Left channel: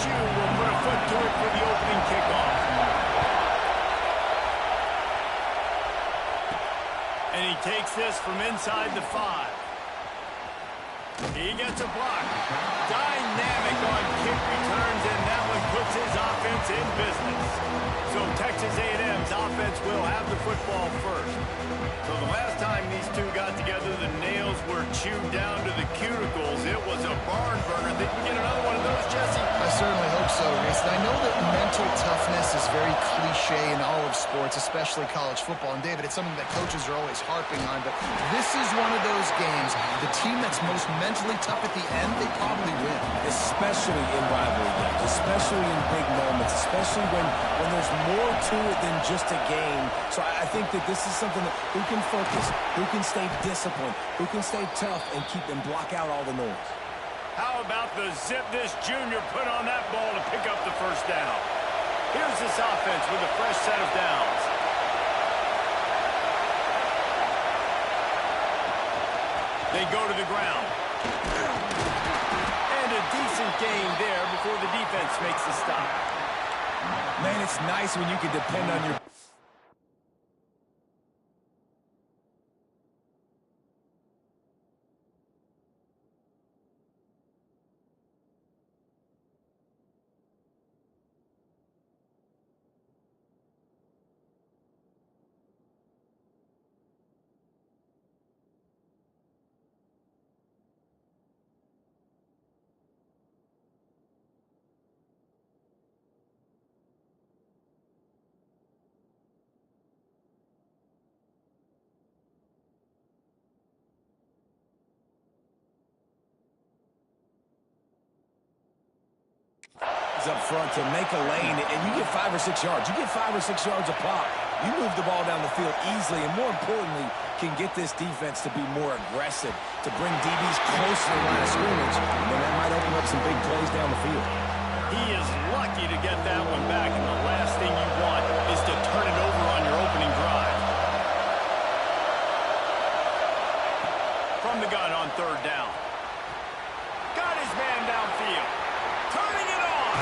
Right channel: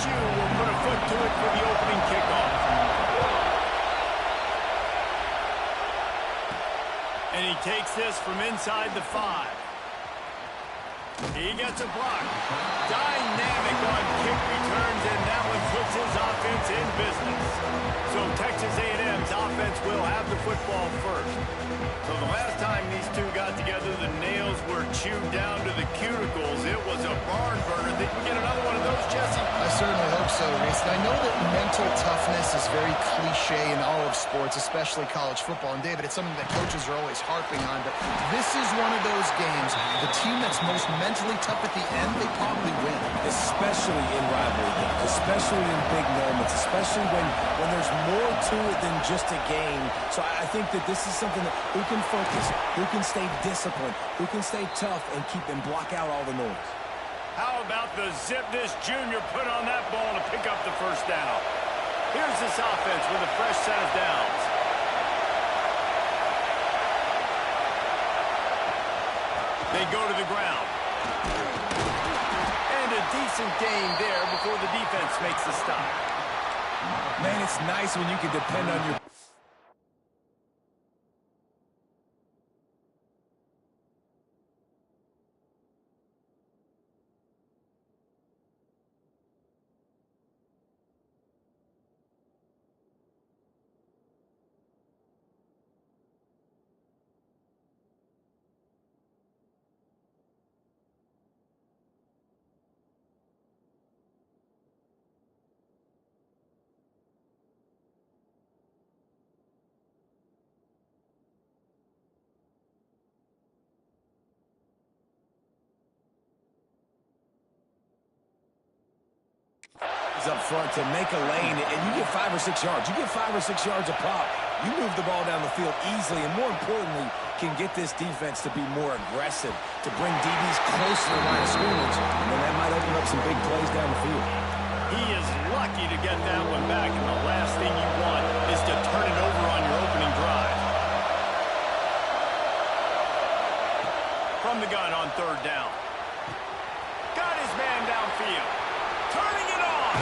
LSU will put a foot to it for the opening kickoff. And he takes this from inside the 5. He gets a block. Dynamic on kick returns, and that one puts his offense in business. So Texas A&M's offense will have the football first. So the last time these two got together, the nails were chewed down to the cuticles. It was a barn burner. Think we get another one of those, Jesse? I certainly hope so, Reese. And I know that mental toughness is very cliche in all of sports, especially college football. And, David, it's something that coaches are always harping on. But this is one of those games. The team that's most mentally tough at the end, they probably win. Especially in rivalry games, especially in big moments, especially when there's more to it than just a game. So I think that this is something that who can focus, who can stay disciplined, who can stay tough and block out all the noise. How about the zip this junior put on that ball to pick up the first down? Here's this offense with a fresh set of downs. They go to the ground. And a decent gain there before the defense makes the stop. Man, it's nice when you can depend on your... Up front to make a lane, and you get 5 or 6 yards. You get 5 or 6 yards a pop. You move the ball down the field easily, and more importantly, can get this defense to be more aggressive, to bring DBs close to the line of scrimmage, and then that might open up some big plays down the field. He is lucky to get that one back, and the last thing you want is to turn it over on your opening drive. From the gun on 3rd down. Got his man downfield. Turning it on.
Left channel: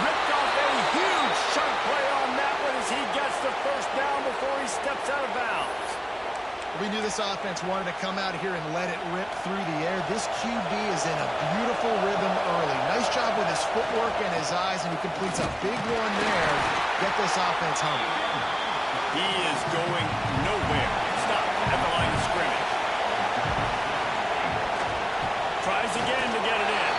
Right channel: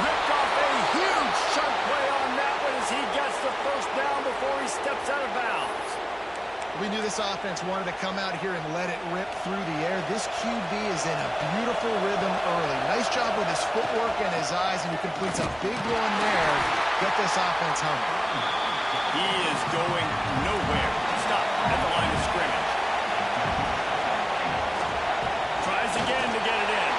Ripped off a huge chunk play on that one as he gets the first down before he steps out of bounds. We knew this offense wanted to come out here and let it rip through the air. This QB is in a beautiful rhythm early. Nice job with his footwork and his eyes, and he completes a big one there. Get this offense humming. He is going nowhere. Stop at the line of scrimmage. Tries again to get it in.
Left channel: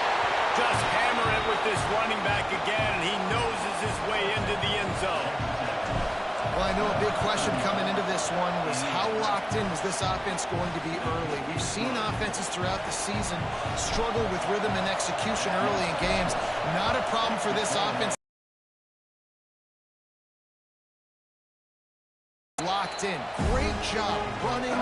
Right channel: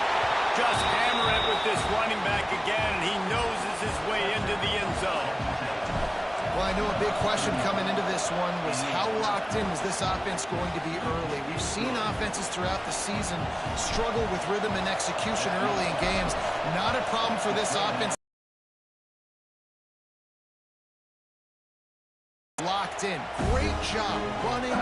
Just hammer it with this running back again, and he noses his way into the end zone. Well, I know a big question coming into this one was how locked in was this offense going to be early? We've seen offenses throughout the season struggle with rhythm and execution early in games. Not a problem for this offense. Locked in. Great job running,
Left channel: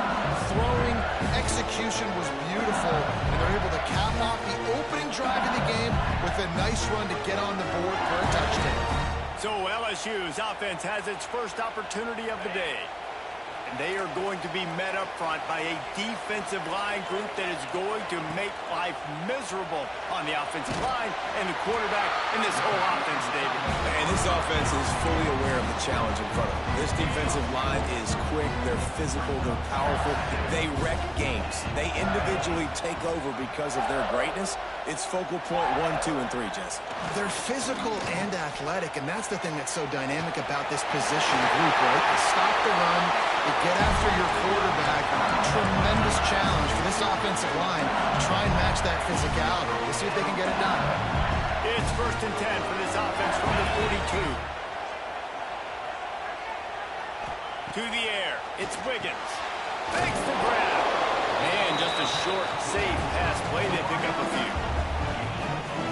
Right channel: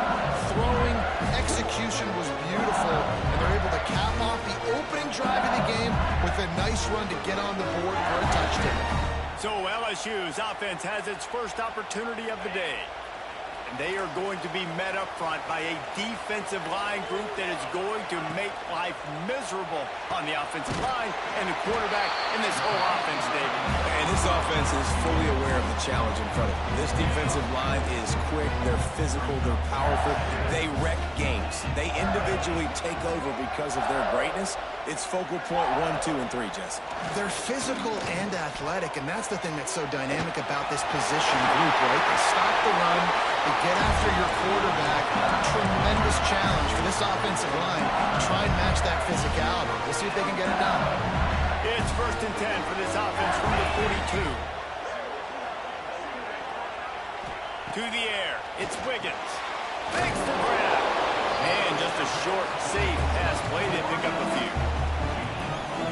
throwing, execution was beautiful, and they're able to cap off the opening drive of the game with a nice run to get on the board for a touchdown. So LSU's offense has its first opportunity of the day. And they are going to be met up front by a defensive line group that is going to make life miserable on the offensive line and the quarterback and this whole offense, David. And this offense is fully aware of the challenge in front of them. This defensive line is quick, they're physical, they're powerful, they wreck games. They individually take over because of their greatness. It's focal point 1, 2, and 3, Jesse. They're physical and athletic, and that's the thing that's so dynamic about this position group, right? They stop the run, they get after your quarterback. Tremendous challenge for this offensive line to try and match that physicality. We'll see if they can get it done. It's 1st and 10 for this offense from the 42. To the air, it's Wiggins. Makes the grab. Man, just a short, safe pass play. They pick up a few.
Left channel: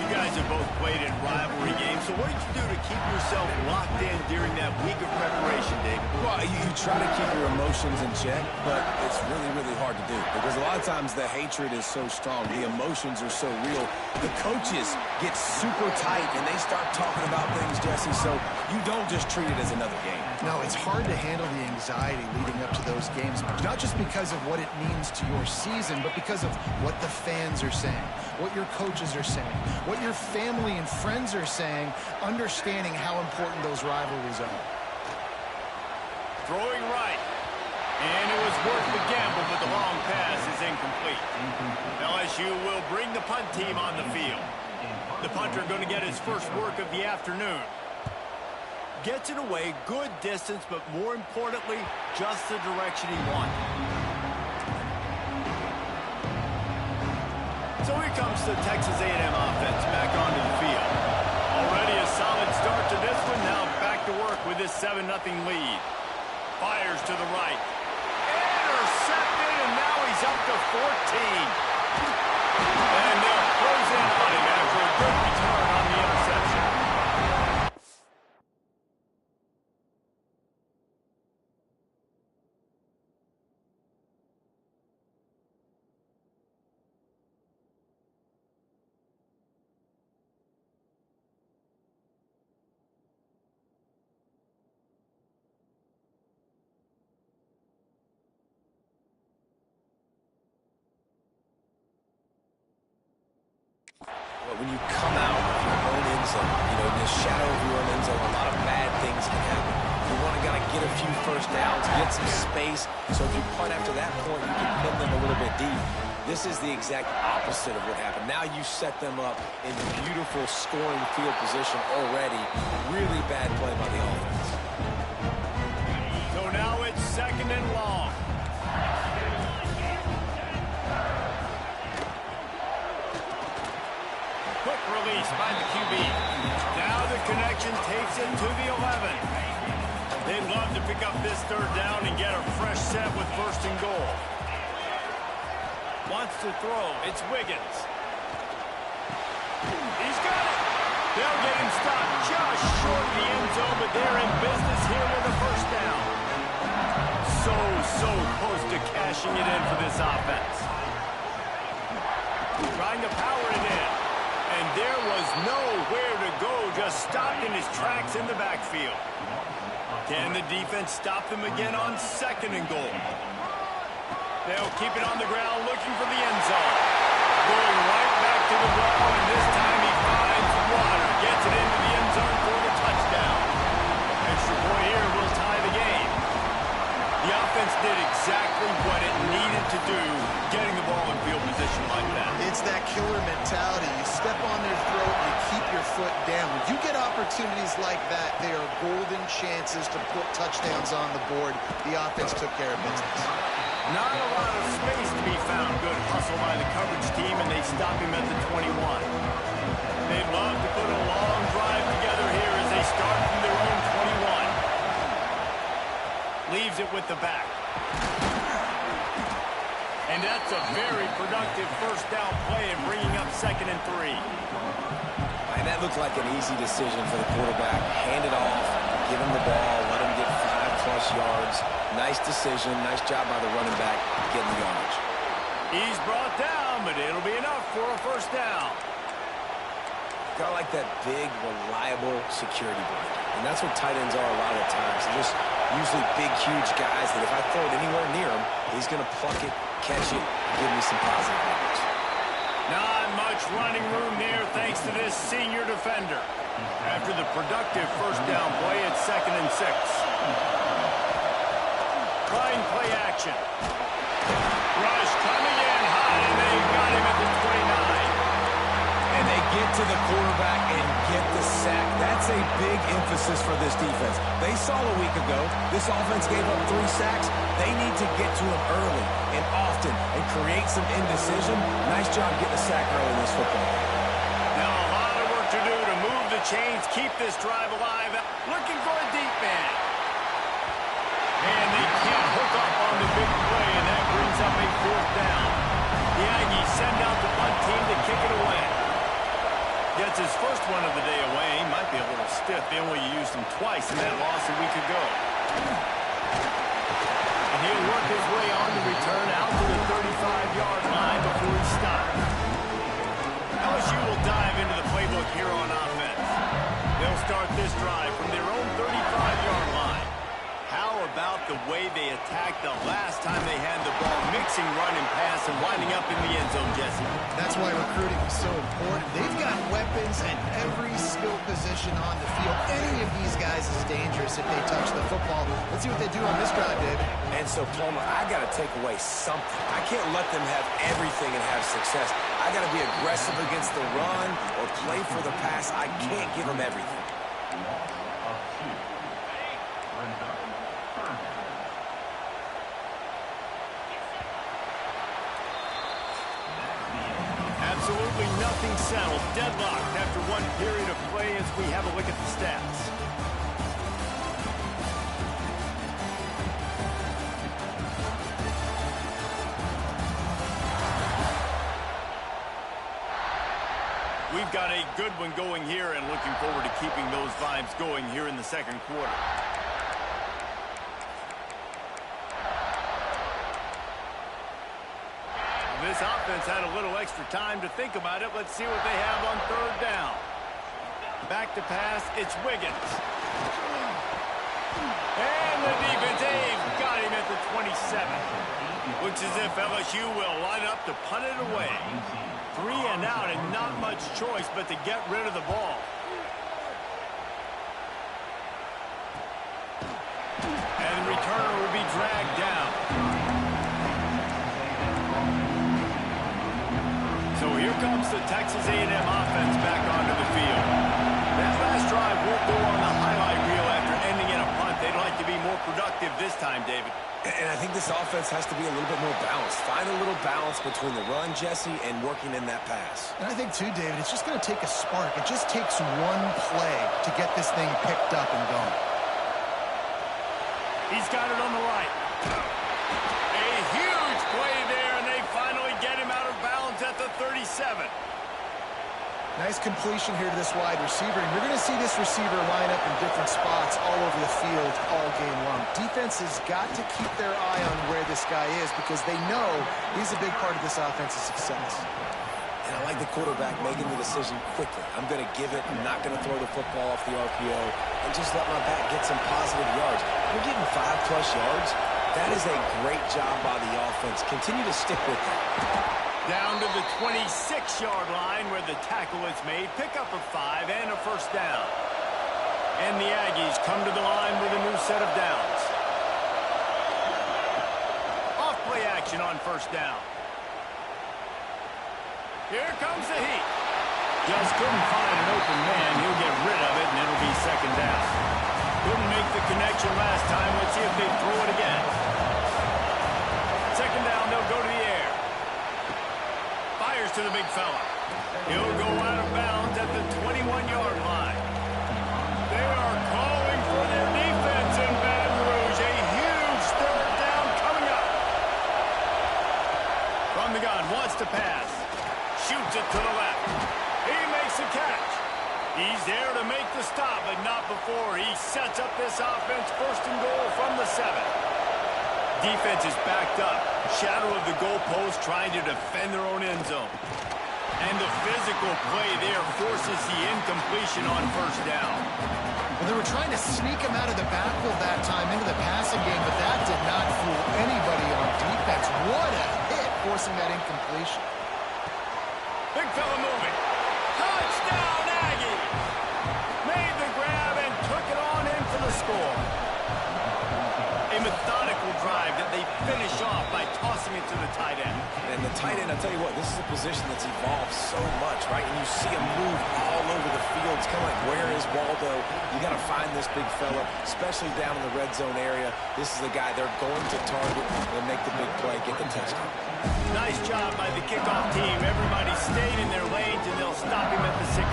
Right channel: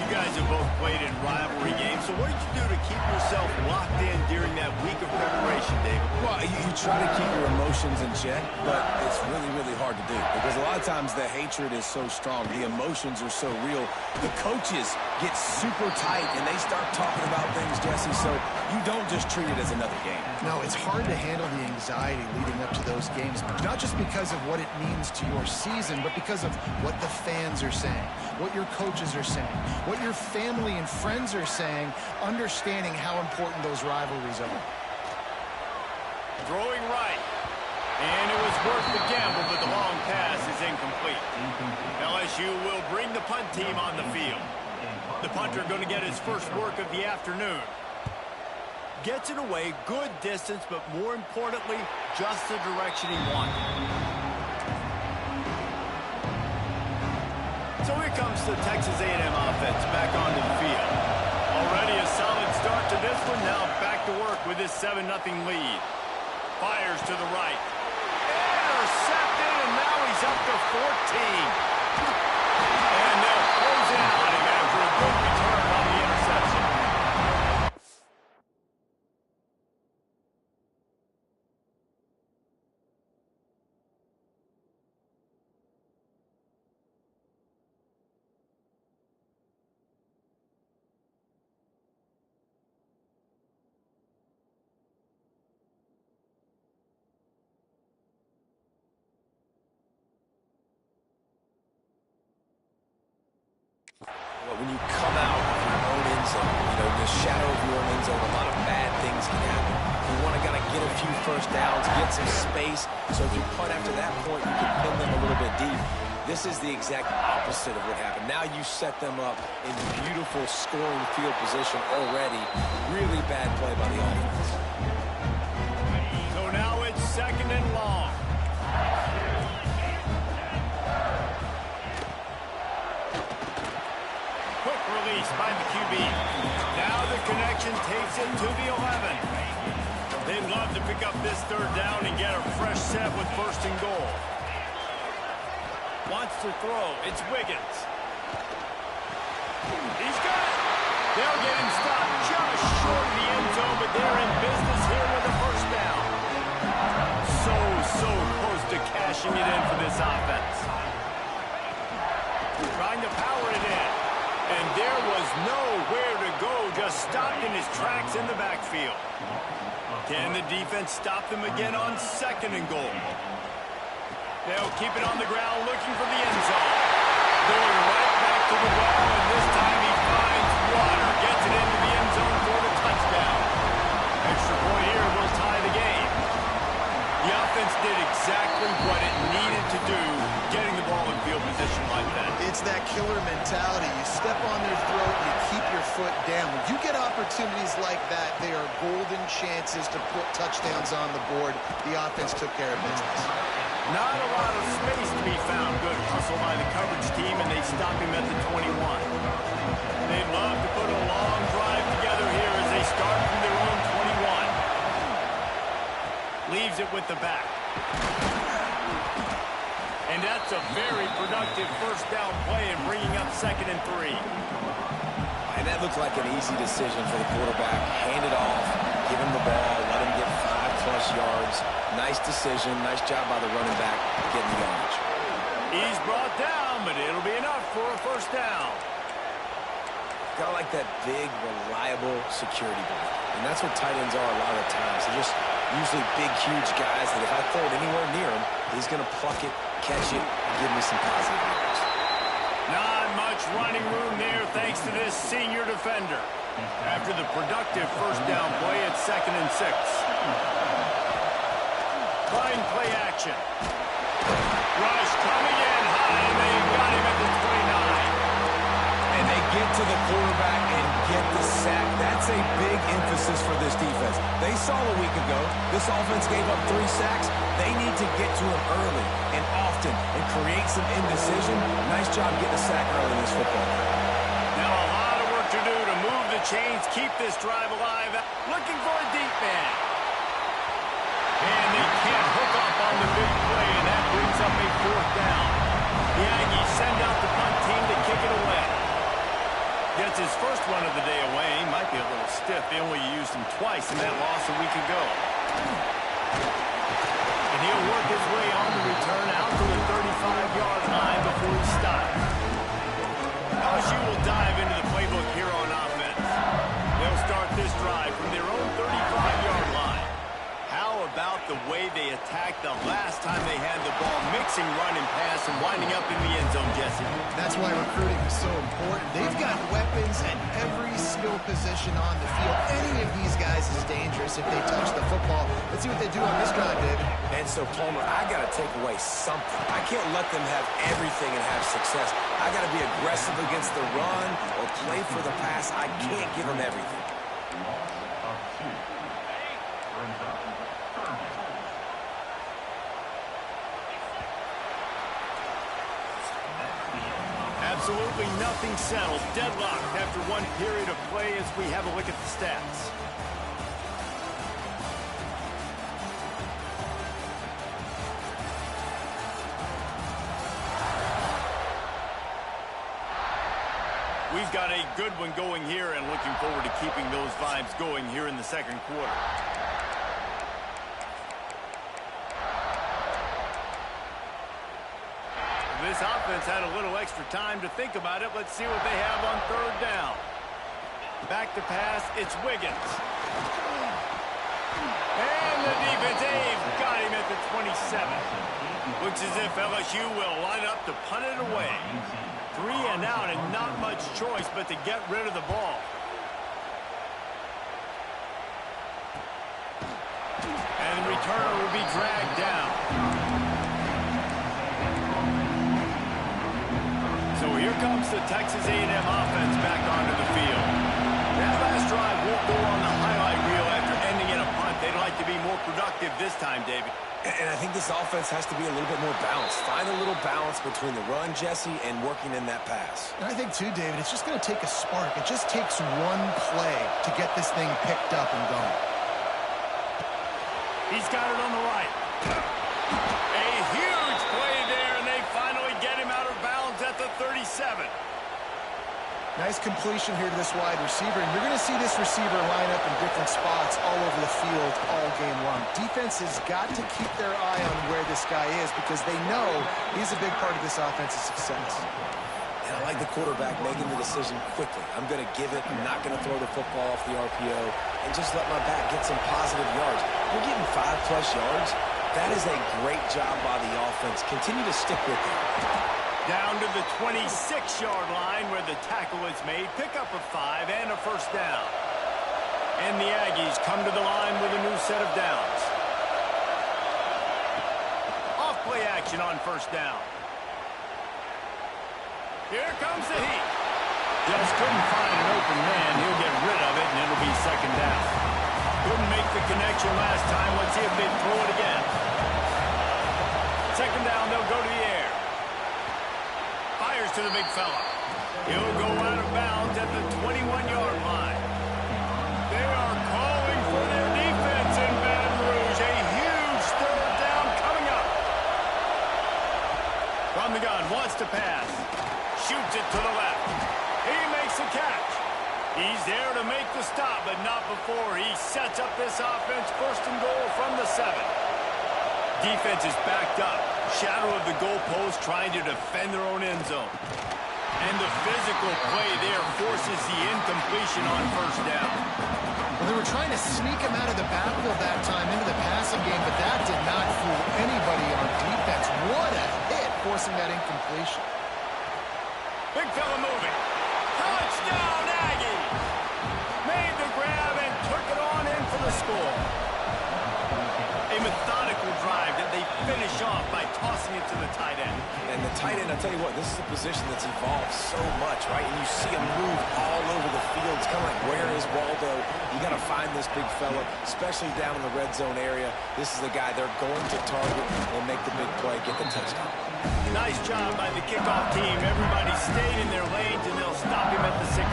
You guys have both played in rivalry games, so what did you do to keep yourself locked in during that week of preparation, David? Well, you try to keep your emotions in check, but it's really, really hard to do because a lot of times the hatred is so strong. The emotions are so real. The coaches get super tight, and they start talking about things, Jesse, so you don't just treat it as another game. No, it's hard to handle the anxiety leading up to those games, not just because of what it means to your season, but because of what the fans are saying, what your coaches are saying, what what your family and friends are saying, understanding how important those rivalries are. Throwing right. And it was worth the gamble, but the long pass is incomplete. LSU will bring the punt team on the field. The punter going to get his first work of the afternoon. Gets it away, good distance, but more importantly, just the direction he wanted. So here comes the Texas A&M offense back onto the field. Already a solid start to this one. Now back to work with this 7-0 lead. Fires to the right. Intercepted, and now he's up to 14. And they'll close in on him after a good return on the interception. When you come out of your own end zone, in the shadow of your own end zone, a lot of bad things can happen. You want to kind of get a few first downs, get some space, so if you punt after that point, you can pin them a little bit deep. This is the exact opposite of what happened. Now you set them up in beautiful scoring field position already. Really bad play by the offense. So now it's 2nd and long. Quick release by the QB. Now the connection takes it to the 11. They'd love to pick up this 3rd down and get a fresh set with 1st and goal. Wants to throw. It's Wiggins. He's got it. They'll get him stopped just short of the end zone, but they're in business here with a 1st down. So close to cashing it in for this offense. Trying to power it in. And there was nowhere to go, just stopped in his tracks in the backfield. Can the defense stop them again on 2nd and goal? They'll keep it on the ground, looking for the end zone. Going right back to the well, and this time he finds water. Gets it into the end zone for the touchdown. Extra point here will tie the game. The offense did exactly what it needed to do, getting the ball in field position like that. It's that killer mentality. You step on their throat, you keep your foot down. When you get opportunities like that, they are golden chances to put touchdowns on the board. The offense took care of business. Not a lot of space to be found. Good hustle by the coverage team, and they stop him at the 21. They'd love to put a long drive together here as they start from their own 21. Leaves it with the back. And that's a very productive 1st down play and bringing up 2nd and 3. And that looked like an easy decision for the quarterback. Hand it off, give him the ball, let him get 5+ yards. Nice decision, nice job by the running back getting the yardage. He's brought down, but it'll be enough for a 1st down. Got like that big, reliable security blanket. And that's what tight ends are a lot of the times. They're just usually big, huge guys that if I throw it anywhere near him, he's going to pluck it, catch it, and give me some positive yards. Not much running room there thanks to this senior defender. After the productive 1st down play, it's 2nd and 6. Trying play action. Rush coming in high, and they got him at the 29. And they get to the quarterback and get the sack. That's a big emphasis for this defense. They saw a week ago, this offense gave up 3 sacks. They need to get to him early and often and create some indecision. Nice job getting a sack early in this football game. Now a lot of work to do to move the chains, keep this drive alive. Looking for a deep man. And they can't hook up on the big play, and that brings up a 4th down. The Aggies send out the punt team to kick it away. Gets his first one of the day away. He might be a little stiff. They only used him twice in that loss a week ago. And he'll work his way on the return out to the 35-yard line before he stops. LSU will dive into the playbook here on offense. They'll start this drive from their own 35-yard line. How about the way they attacked the last time they had the ball, mixing run and pass and winding up in the end zone, Jesse. That's why recruiting is so important. They've got weapons at every skill position on the field. Any of these guys is dangerous if they touch the football. Let's see what they do on this drive, David. And so, Palmer, I got to take away something. I can't let them have everything and have success. I got to be aggressive against the run or play for the pass. I can't give them everything. Absolutely nothing settled. Deadlocked after one period of play as we have a look at the stats. We've got a good one going here and looking forward to keeping those vibes going here in the second quarter. This offense had a little extra time to think about it. Let's see what they have on third down. Back to pass, it's Wiggins. And the defense, they've got him at the 27. Looks as if LSU will line up to punt it away. 3 and out and not much choice but to get rid of the ball. And the returner will be dragged down. So here comes the Texas A&M offense back onto the field. That last drive won't go on the highlight reel after ending in a punt. They'd like to be more productive this time, David. And I think this offense has to be a little bit more balanced. Find a little balance between the run, Jesse, and working in that pass. And I think, too, David, it's just going to take a spark. It just takes one play to get this thing picked up and going. He's got it on the right. A huge play there, and they finally get him out of bounds at the 37. Nice completion here to this wide receiver. And you're going to see this receiver line up in different spots all over the field all game long. Defense has got to keep their eye on where this guy is because they know he's a big part of this offense's success. And I like the quarterback making the decision quickly. I'm going to give it. I'm not going to throw the football off the RPO and just let my back get some positive yards. You're getting 5+ yards. That is a great job by the offense. Continue to stick with that. Down to the 26-yard line where the tackle is made. Pick up a 5 and a first down. And the Aggies come to the line with a new set of downs. Off play action on first down. Here comes the heat. Just couldn't find an open man. He'll get rid of it, and it'll be second down. Couldn't make the connection last time. Let's see if they throw it again. Second down, they'll go to the air. Fires to the big fella. He'll go out of bounds at the 21-yard line. They are calling for their defense in Baton Rouge. A huge third down coming up. From the gun, wants to pass. Shoots it to the left. He makes the catch. He's there to make the stop, but not before he sets up this offense first and goal from the 7. Defense is backed up. Shadow of the goalpost trying to defend their own end zone. And the physical play there forces the incompletion on first down. Well, they were trying to sneak him out of the backfield that time into the passing game, but that did not fool anybody on defense. What a hit, forcing that incompletion. Big fella moving. Touchdown, Aggies! Made the grab and took it on in for the score. A methodical drive that they finish off by tossing it to the tight end. And the tight end, I'll tell you what, this is a position that's evolved so much, right? And you see him move all over the field. It's kind of like, where is Waldo? You got to find this big fella, especially down in the red zone area. This is the guy they're going to target and make the big play, get the touchdown. Nice job by the kickoff team. Everybody stayed in their lanes, and they'll stop him at the 16.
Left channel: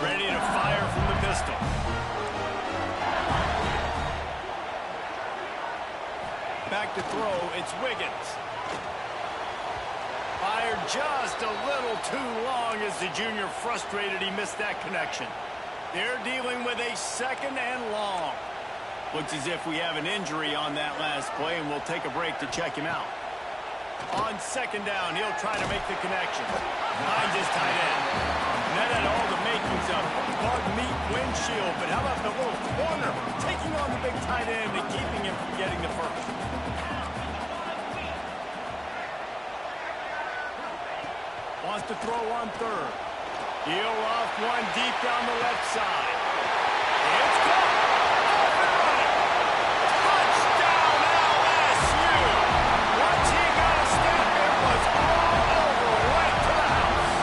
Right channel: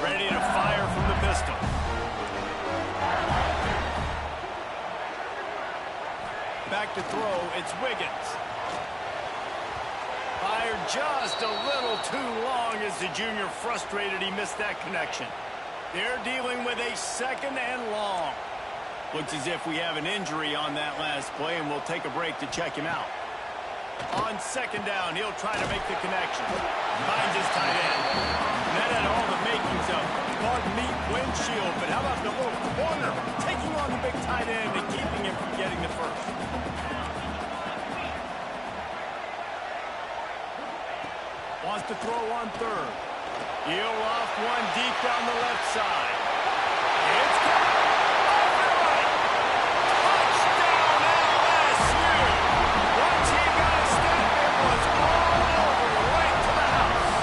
Ready to fire from the pistol. Back to throw, it's Wiggins. Fired just a little too long as the junior frustrated he missed that connection. They're dealing with a second and long. Looks as if we have an injury on that last play, and we'll take a break to check him out. On second down, he'll try to make the connection. Finds his tight end. that had all the makings of bug meat windshield. But how about the little corner taking on the big tight end and keeping him from getting the first? Wants to throw on third. He'll off one deep down the left side. It's caught. Off and running. Touchdown LSU. Once he got a step, it was all over, right to the house.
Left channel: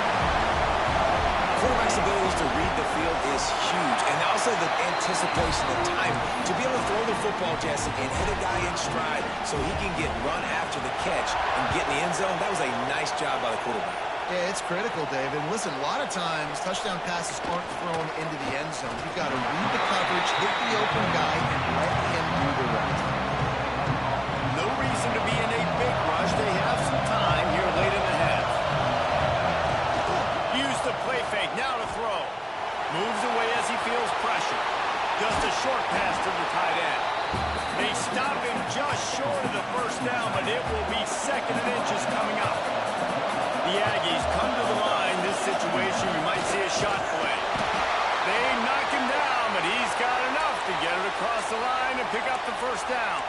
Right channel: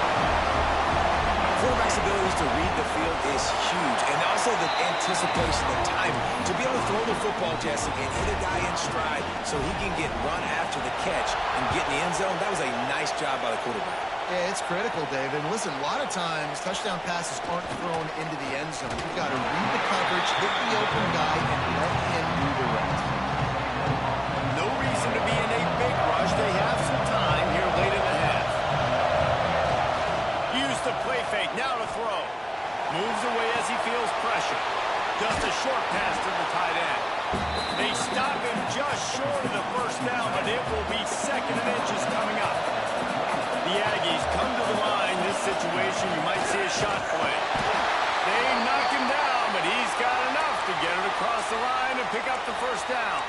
Quarterback's abilities to read the field is huge, and also the anticipation, the time to be able to throw the football, Jesse, and hit a guy in stride so he can get run after the catch and get in the end zone. That was a nice job by the quarterback. Yeah, it's critical, David. Listen, a lot of times touchdown passes aren't thrown into the end zone. You've got to read the coverage, hit the open guy, and let him do the rest. No reason to be in a big rush. They have some time here late in the half. Use the play fake, now to throw. Moves away as he feels pressure. Just a short pass to the tight end. They stop him just short of the first down, but it will be 2nd and inches coming up. The Aggies come to the line. This situation, you might see a shot play. They knock him down, but he's got enough to get it across the line and pick up the first down.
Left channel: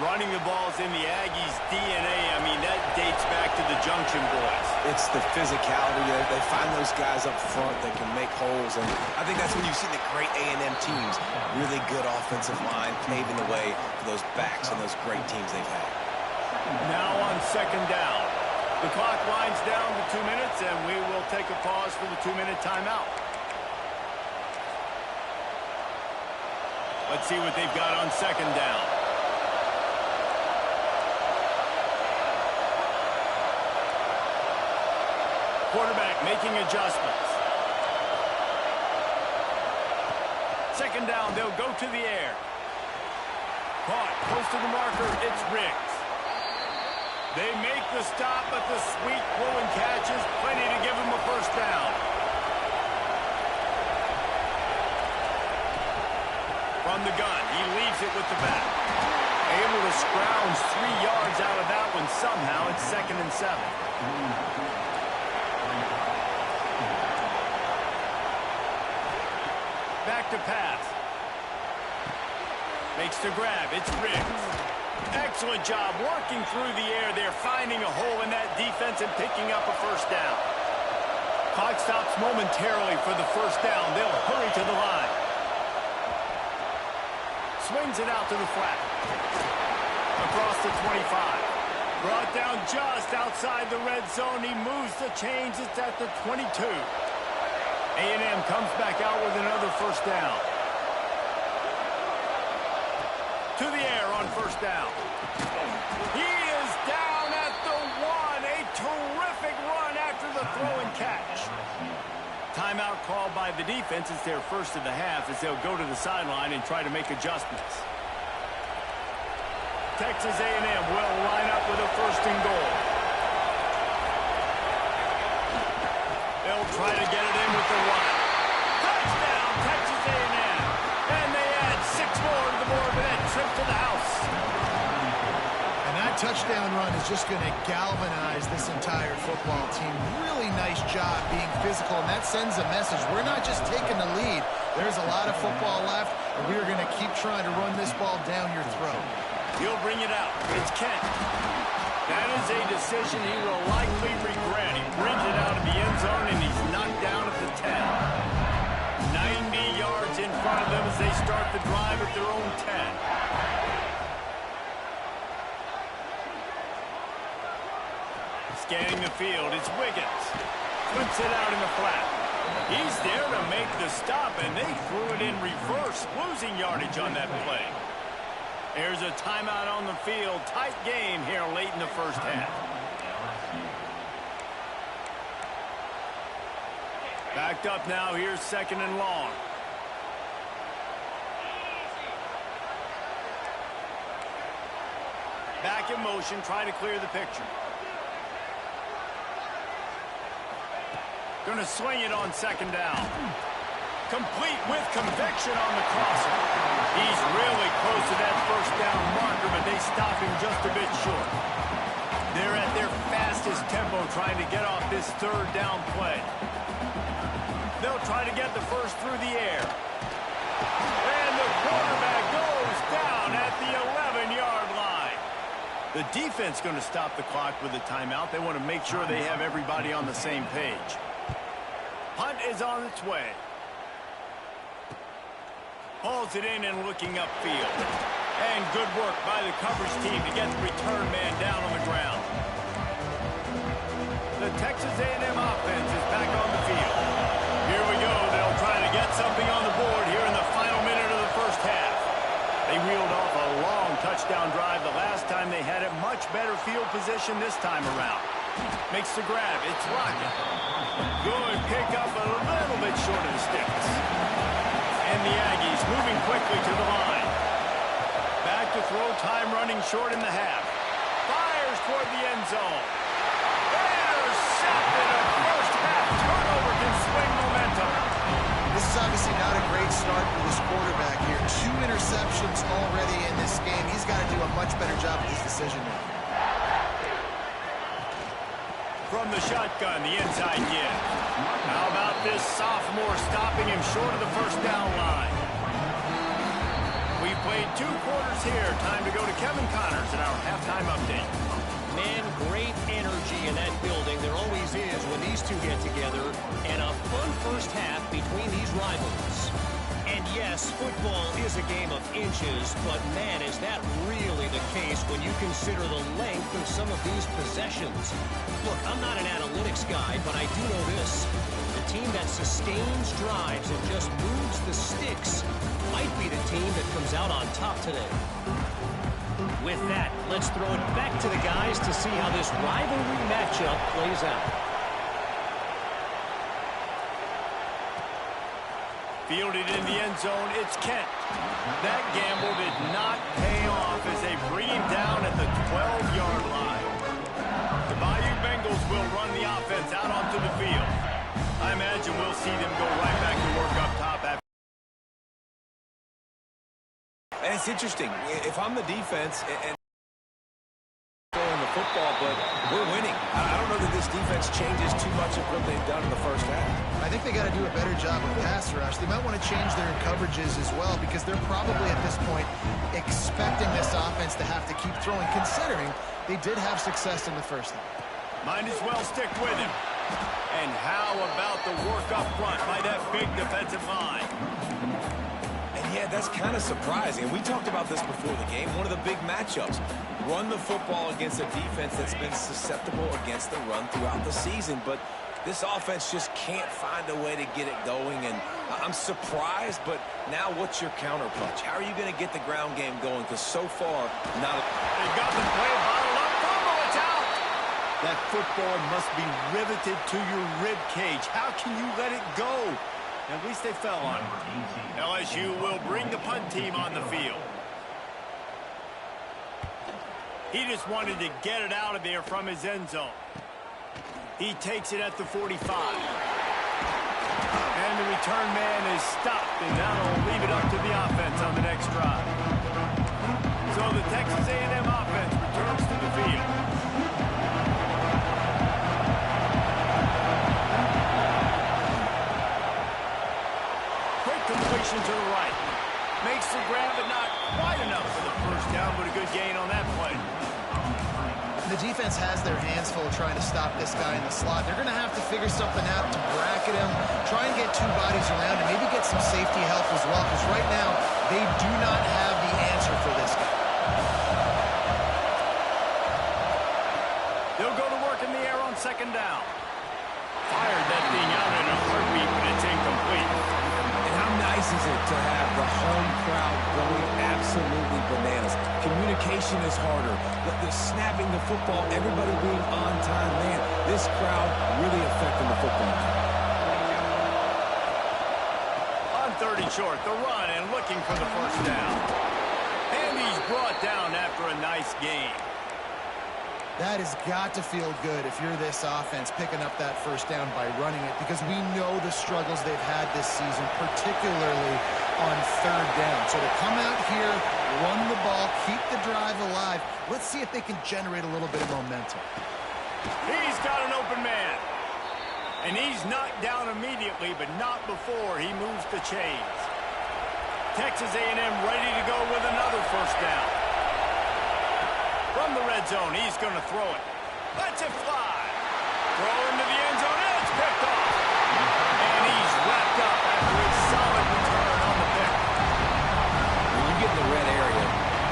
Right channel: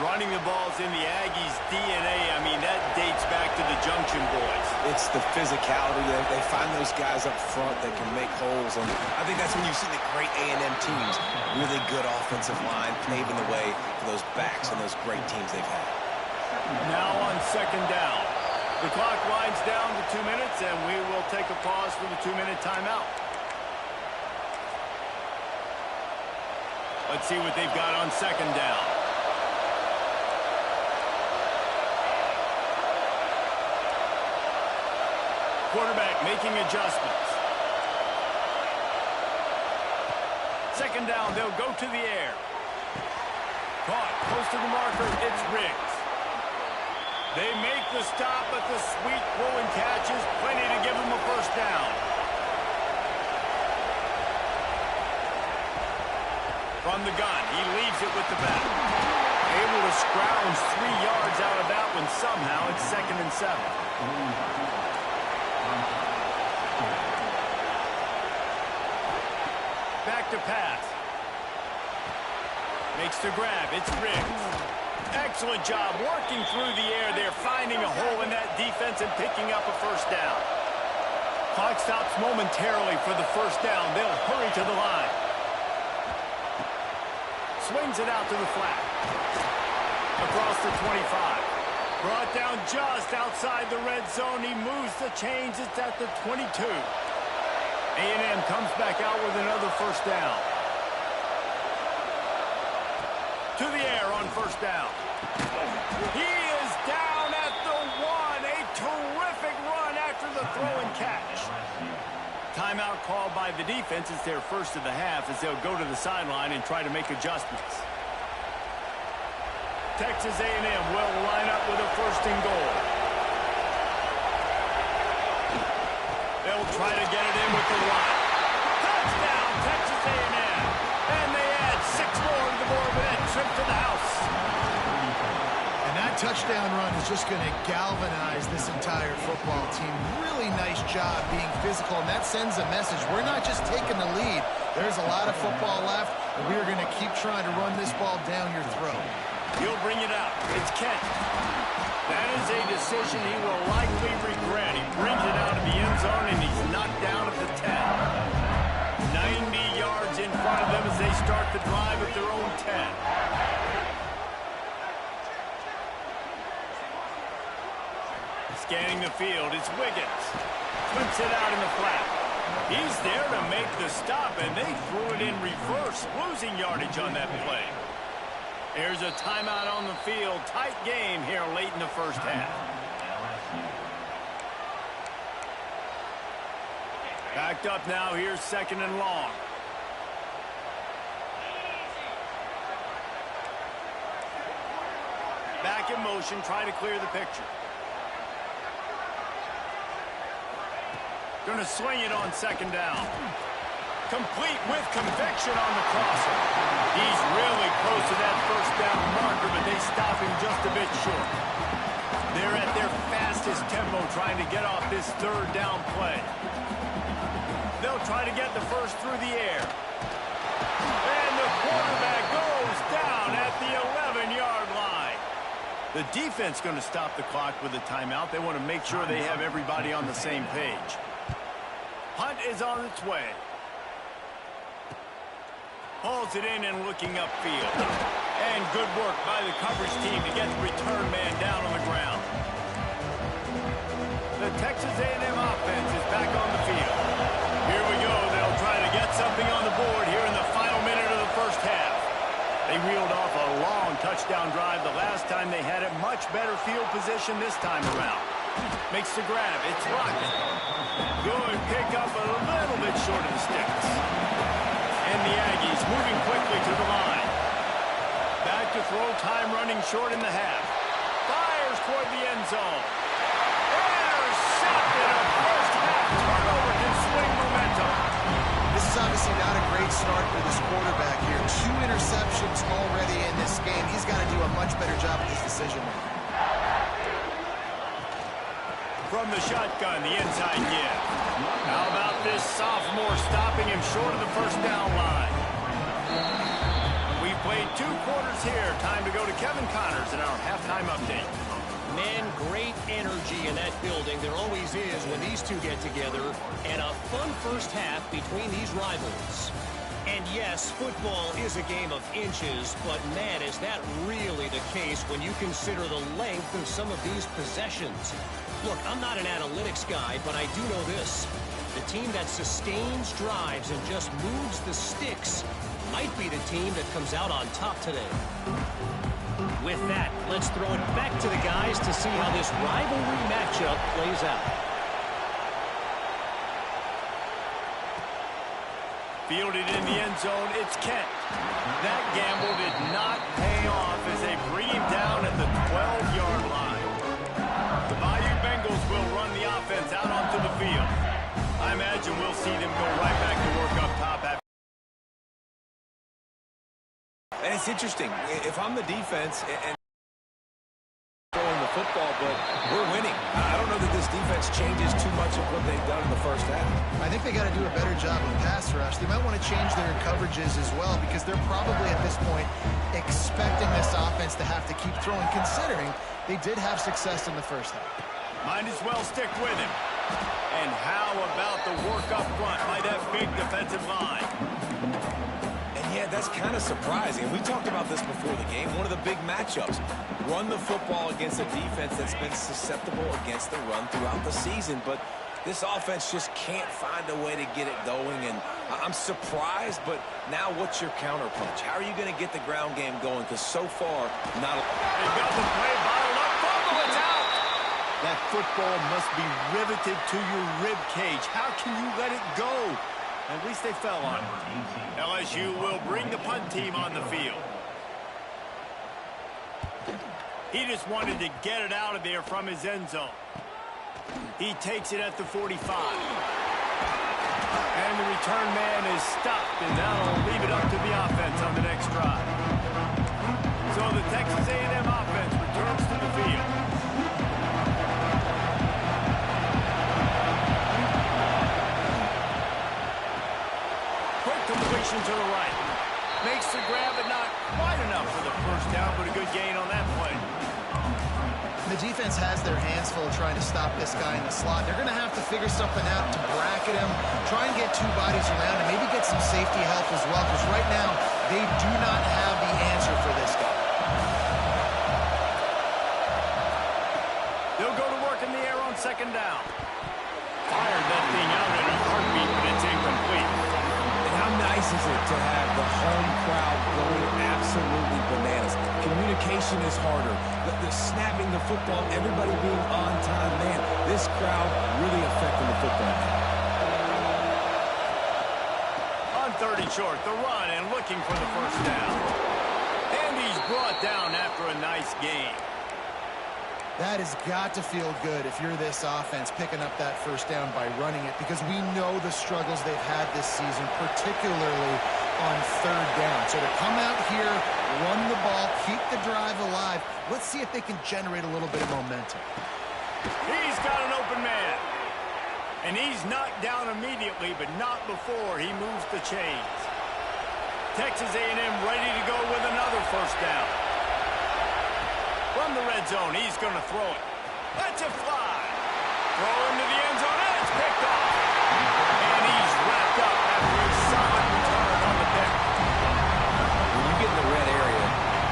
Running the ball's in the Aggies' DNA. I mean, that dates back to the Junction Boys. It's the physicality. They find those guys up front that can make holes, and I think that's when you see the great A&M teams. Really good offensive line, paving the way for those backs and those great teams they've had. Now on 2nd down. The clock winds down to 2 minutes, and we will take a pause for the 2-minute timeout. Let's see what they've got on 2nd down. Quarterback making adjustments. 2nd down, they'll go to the air. Caught, close to the marker, it's Riggs. They make the stop, but the sweet throw and catch is plenty to give them a first down. From the gun, he leaves it with the back. Able to scrounge 3 yards out of that one somehow. It's 2nd and 7. Back to pass. Makes the grab. It's Riggs. Excellent job working through the air there, finding a hole in that defense and picking up a first down. Clock stops momentarily for the first down. They'll hurry to the line. Swings it out to the flat. Across the 25. Brought down just outside the red zone. He moves the chains. It's at the 22. A&M comes back out with another first down. To the air on first down. He is down at the 1. A terrific run after the throw and catch. Timeout called by the defense. It's their first of the half as they'll go to the sideline and try to make adjustments. Texas A&M will line up with a 1st and goal. They'll try to get it in with the run. Touchdown, Texas A&M. And they add 6 more to the board with that trip to the house. And that touchdown run is just going to galvanize this entire football team. Really nice job being physical, and that sends a message. We're not just taking the lead. There's a lot of football left, and we are going to keep trying to run this ball down your throat. He'll bring it out. It's Kent. That is a decision he will likely regret. He brings it out of the end zone, and he's knocked down at the 10. 90 yards in front of them as they start the drive at their own 10. Scanning the field, it's Wiggins. Flips it out in the flat. He's there to make the stop, and they threw it in reverse, losing yardage on that play. There's a timeout on the field. Tight game here late in the first half. Backed up now. Here's 2nd and long. Back in motion, trying to clear the picture. Going to swing it on 2nd down. Complete with conviction on the crosser. He's really close to that first down marker, but they stop him just a bit short. They're at their fastest tempo trying to get off this 3rd down play. They'll try to get the first through the air. And the quarterback goes down at the 11-yard line. The defense going to stop the clock with a timeout. They want to make sure they have everybody on the same page. Punt is on its way. Hauls it in and looking upfield. And good work by the coverage team to get the return man down on the ground. The Texas A&M offense is back on the field. Here we go. They'll try to get something on the board here in the final minute of the first half. They reeled off a long touchdown drive the last time they had it. Much better field position this time around. Makes the grab. It's Rocket. Good pick up a little bit short of the sticks. And the Aggies moving quickly to the line. Back to throw, time running short in the half. Fires toward the end zone. Intercepted. A first half turnover can swing momentum. This is obviously not a great start for this quarterback here. 2 interceptions already in this game. He's got to do a much better job with his decision making. From the shotgun, the inside give. How about this sophomore stopping him short of the first down line? We've played 2 quarters here. Time to go to Kevin Connors in our halftime update. Man, great energy in that building. There always is when these two get together. And a fun first half between these rivals. And yes, football is a game of inches, but man, is that really the case when you consider the length of some of these possessions. Look, I'm not an analytics guy, but I do know this. The team that sustains drives and just moves the sticks might be the team that comes out on top today. With that, let's throw it back to the guys to see how this rivalry matchup plays out. Fielded in the end zone, it's Kent. That gamble did not pay off as they bring him down at the 12-yard line. The Bayou Bengals will run the offense out onto the field. I imagine we'll see them go right back to work up top after. And it's interesting. If I'm the defense and throwing the football, but we're winning. I don't know that this defense changes too much of what they've done in the first half. I think they got to do a better job of pass rush. They might want to change their coverages as well because they're probably at this point expecting this offense to have to keep throwing, considering they did have success in the first half. Might as well stick with him. And how about the work up front by that big defensive line? And yeah, that's kind of surprising. We talked about this before the game. One of the big matchups. Run the football against a defense that's been susceptible against the run throughout the season. But this offense just can't find a way to get it going. And I'm surprised, but now what's your counterpunch? How are you going to get the ground game going? Because so far, not. They got the play bottled up. Fumble, it's out. That football must be riveted to your rib cage. How can you let it go? At least they fell on it. LSU will bring the punt team on the field. He just wanted to get it out of there from his end zone. He takes it at the 45. And the return man is stopped, and that'll leave it up to the offense on the next drive. So the Texas A&M offense returns to the field. Completion to the right. Makes the grab, but not quite enough for the first down, but a good gain on that play. The defense has their hands full trying to stop this guy in the slot. They're going to have to figure something out to bracket him, try and get 2 bodies around, and maybe get some safety help as well, because right now they do not have the answer for this guy. They'll go to work in the air on second down. Fired that thing out in a heartbeat, but it's incomplete. And how nice is it to have the home crowd going absolutely bananas? Communication is harder. The snapping the football, everybody being on time. Man, this crowd really affecting the football game. On 3rd and short, the run and looking for the first down. And he's brought down after a nice game. That has got to feel good if you're this offense picking up that first down by running it, because we know the struggles they've had this season, particularly on 3rd down. So to come out here, run the ball, keep the drive alive, let's see if they can generate a little bit of momentum. He's got an open man. And he's knocked down immediately, but not before he moves the chains. Texas A&M ready to go with another first down. From the red zone, he's going to throw it. Lets it fly. Throw into the end zone, and it's picked off. And he's wrapped up after a solid return on the pick. When you get in the red area,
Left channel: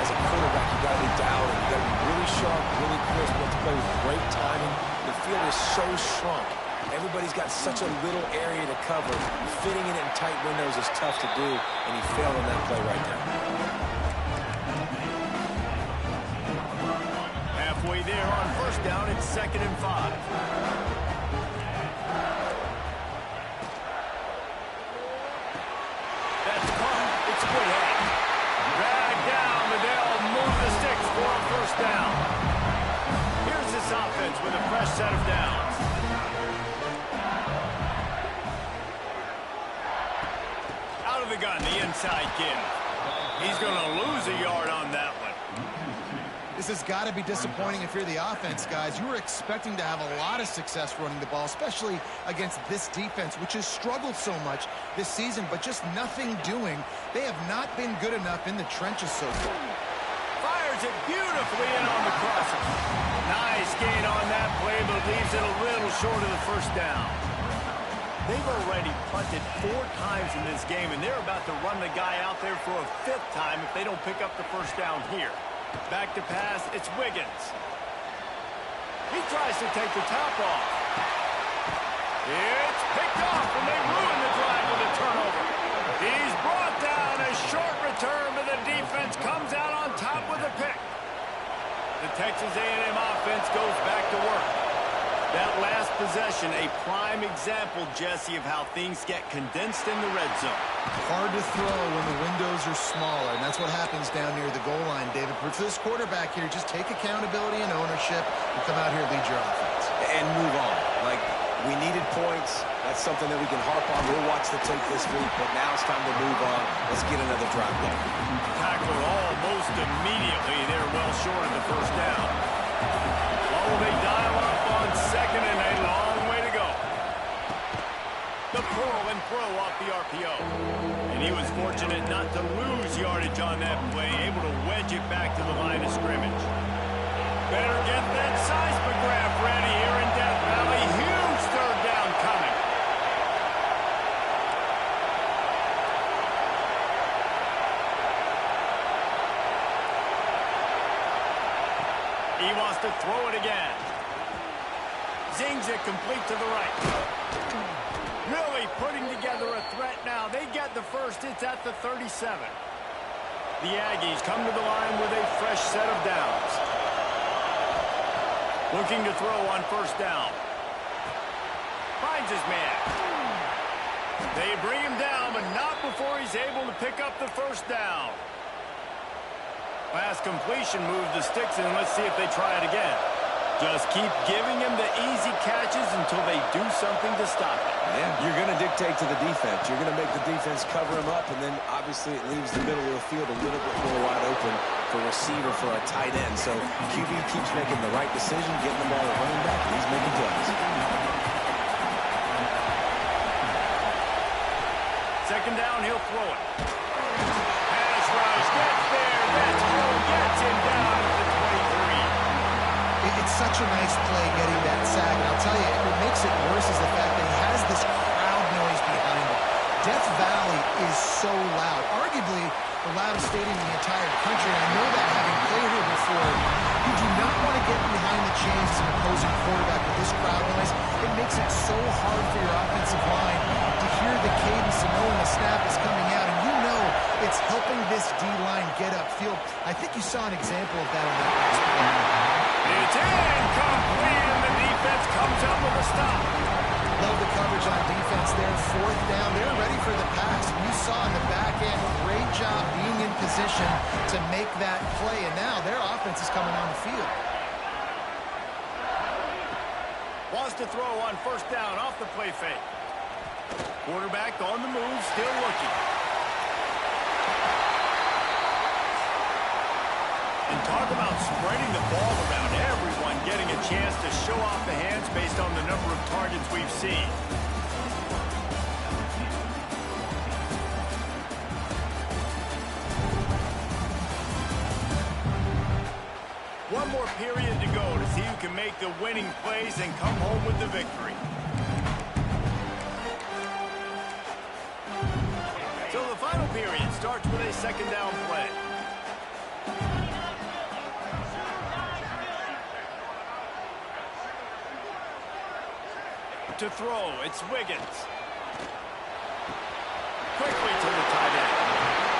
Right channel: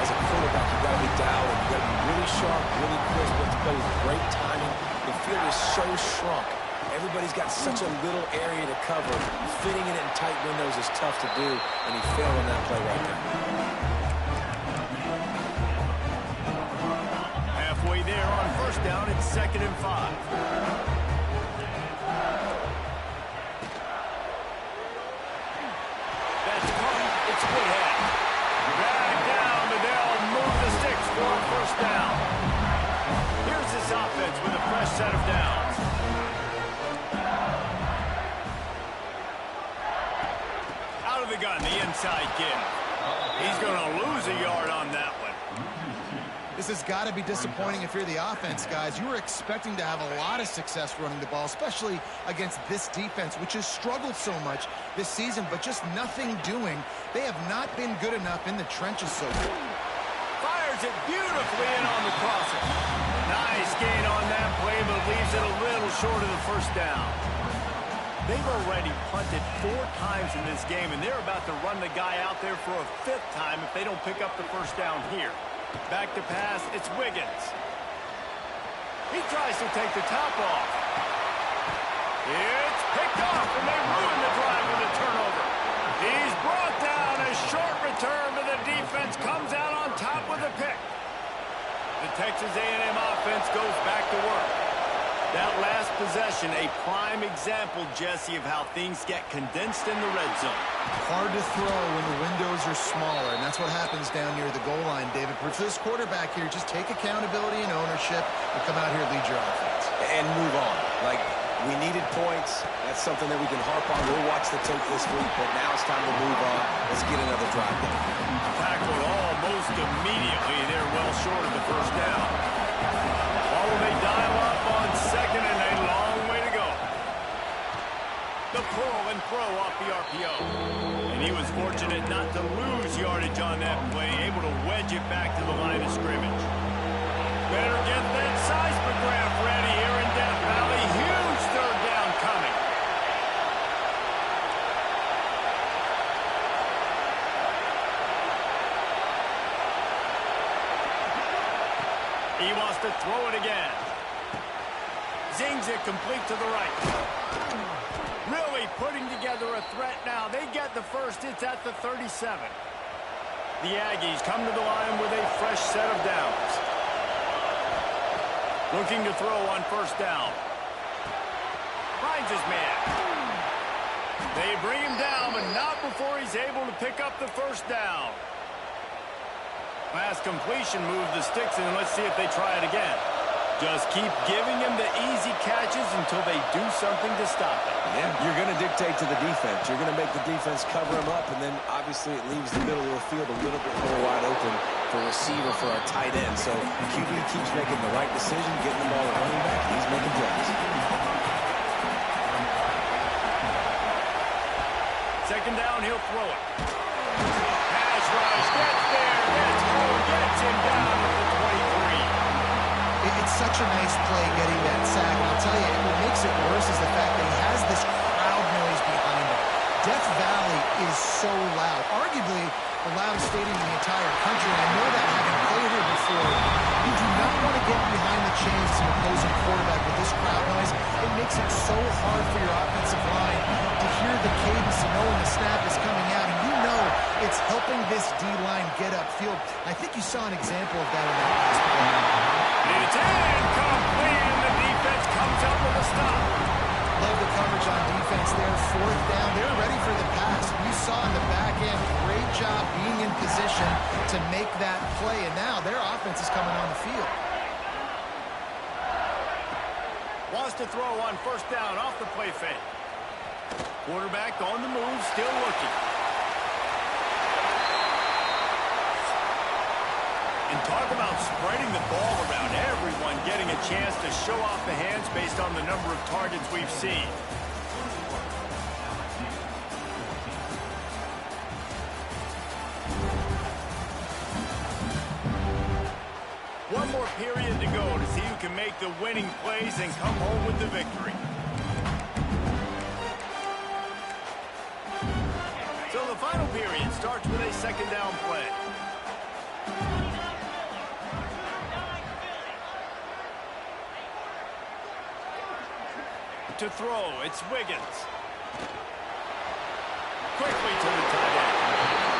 as a quarterback, you've got to be dialed in. You've got to be really sharp, really crisp. You have to play with great timing. The field is so shrunk. Everybody's got such a little area to cover. Fitting it in tight windows is tough to do, and he failed on that play right there. Halfway there on first down, it's 2nd and 5. That's caught. It's Whitehead. Dragged down, but they'll move the sticks for a first down. Here's this offense with a fresh set of downs. Out of the gun, the inside kid. He's going to lose a yard on that one. This has got to be disappointing if you're the offense, guys. You were expecting to have a lot of success running the ball, especially against this defense, which has struggled so much this season, but just nothing doing. They have not been good enough in the trenches so far. Fires it beautifully in on the crosser. Nice gain on that play, but leaves it a little short of the first down. They've already punted 4 times in this game, and they're about to run the guy out there for a 5th time if they don't pick up the first down here. Back to pass, it's Wiggins. He tries to take the top off. It's picked off, and they ruin the drive with a turnover. He's brought down. A short return, but the defense comes out on top with a pick. The Texas A&M offense goes back to work. That last possession, a prime example, Jesse, of how things get condensed in the red zone. Hard to throw when the windows are smaller, and that's what happens down near the goal line, David. But for this quarterback here, just take accountability and ownership and come out here and lead your offense. And move on. Like, we needed points. That's something that we can harp on. We'll watch the tape this week, but now it's time to move on. Let's get another drive going. Tackled almost immediately. They're well short of the first down. While they dial up on 2nd and a long way to go. The pull and throw off the RPO. And he was fortunate not to lose yardage on that play, able to wedge it back to the line of scrimmage. Better get that seismograph ready here in Death Valley. Huge 3rd down coming. He wants to throw it again. Zings it complete to the right. Really putting together a threat now. They get the first. It's at the 37. The Aggies come to the line with a fresh set of downs. Looking to throw on first down. Finds his man. They bring him down, but not before he's able to pick up the first down. Last completion moved the sticks, and let's see if they try it again. Just keep giving him the easy catches until they do something to stop it. Yeah, you're going to dictate to the defense. You're going to make the defense cover him up, and then obviously it leaves the middle of the field a little bit more wide open for receiver, for a tight end. So QB keeps making the right decision, getting the ball to running back, and he's making plays. 2nd down, he'll throw it. Pass rush, gets there, gets home, gets him down at the 23. It's such a nice play getting that sack. And I'll tell you, what makes it worse is the fact that he has this crowd noise behind him. Death Valley is so loud. Arguably the loudest stadium in the entire country. And I know that having played here before, you do not want to get behind the chains as an opposing quarterback with this crowd noise. It makes it so hard for your offensive line to hear the cadence and know when the snap is coming out. And you know it's helping this D-line get upfield. I think you saw an example of that on that last play. It's incomplete, and the defense comes up with a stop. Love the coverage on defense there. 4th down. They're ready for the pass. You saw in the back end, great job being in position to make that play. And now their offense is coming on the field. Wants to throw on first down off the play fake. Quarterback on the move, still looking. And talk about spreading the ball around, everyone getting a chance to show off the hands based on the number of targets we've seen. One more period to go to see who can make the winning plays and come home with the victory. So the final period starts with a second down play. To throw, it's Wiggins. Quickly to the tight end.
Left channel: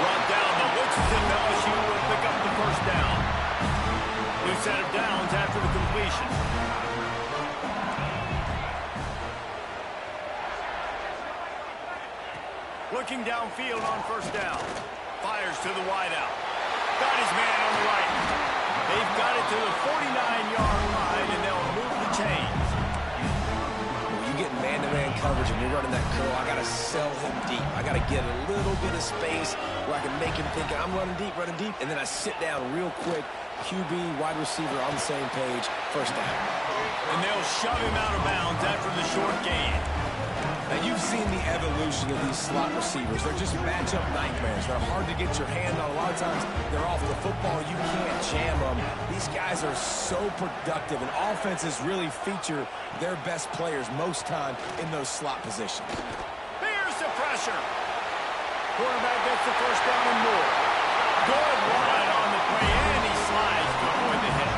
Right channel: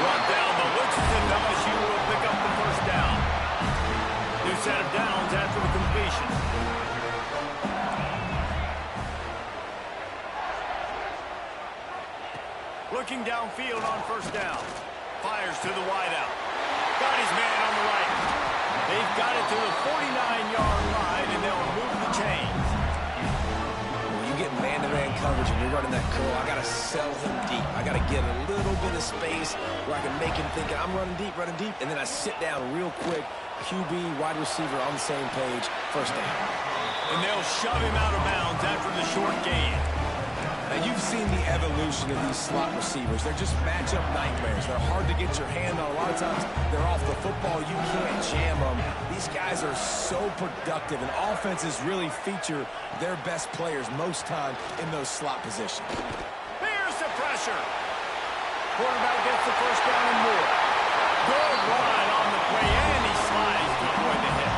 Brought down, but looks as if LSU will pick up the first down. New set of downs after the completion. Looking downfield on first down. Fires to the wideout. Got his man on the right. They've got it to the 49-yard line, and they'll move the chains. When you get man-to-man coverage and you're running that curl, I got to sell him deep. I got to get a little bit of space where I can make him think I'm running deep, and then I sit down real quick. QB, wide receiver on the same page, first down. And they'll shove him out of bounds after the short gain. Now, you've seen the evolution of these slot receivers. They're just matchup nightmares. They're hard to get your hand on. A lot of times, they're off the football. You can't jam them. These guys are so productive, and offenses really feature their best players most time in those slot positions. Here's the pressure. Quarterback gets the first down and more. Good run on the play, and he slides to avoid the hit.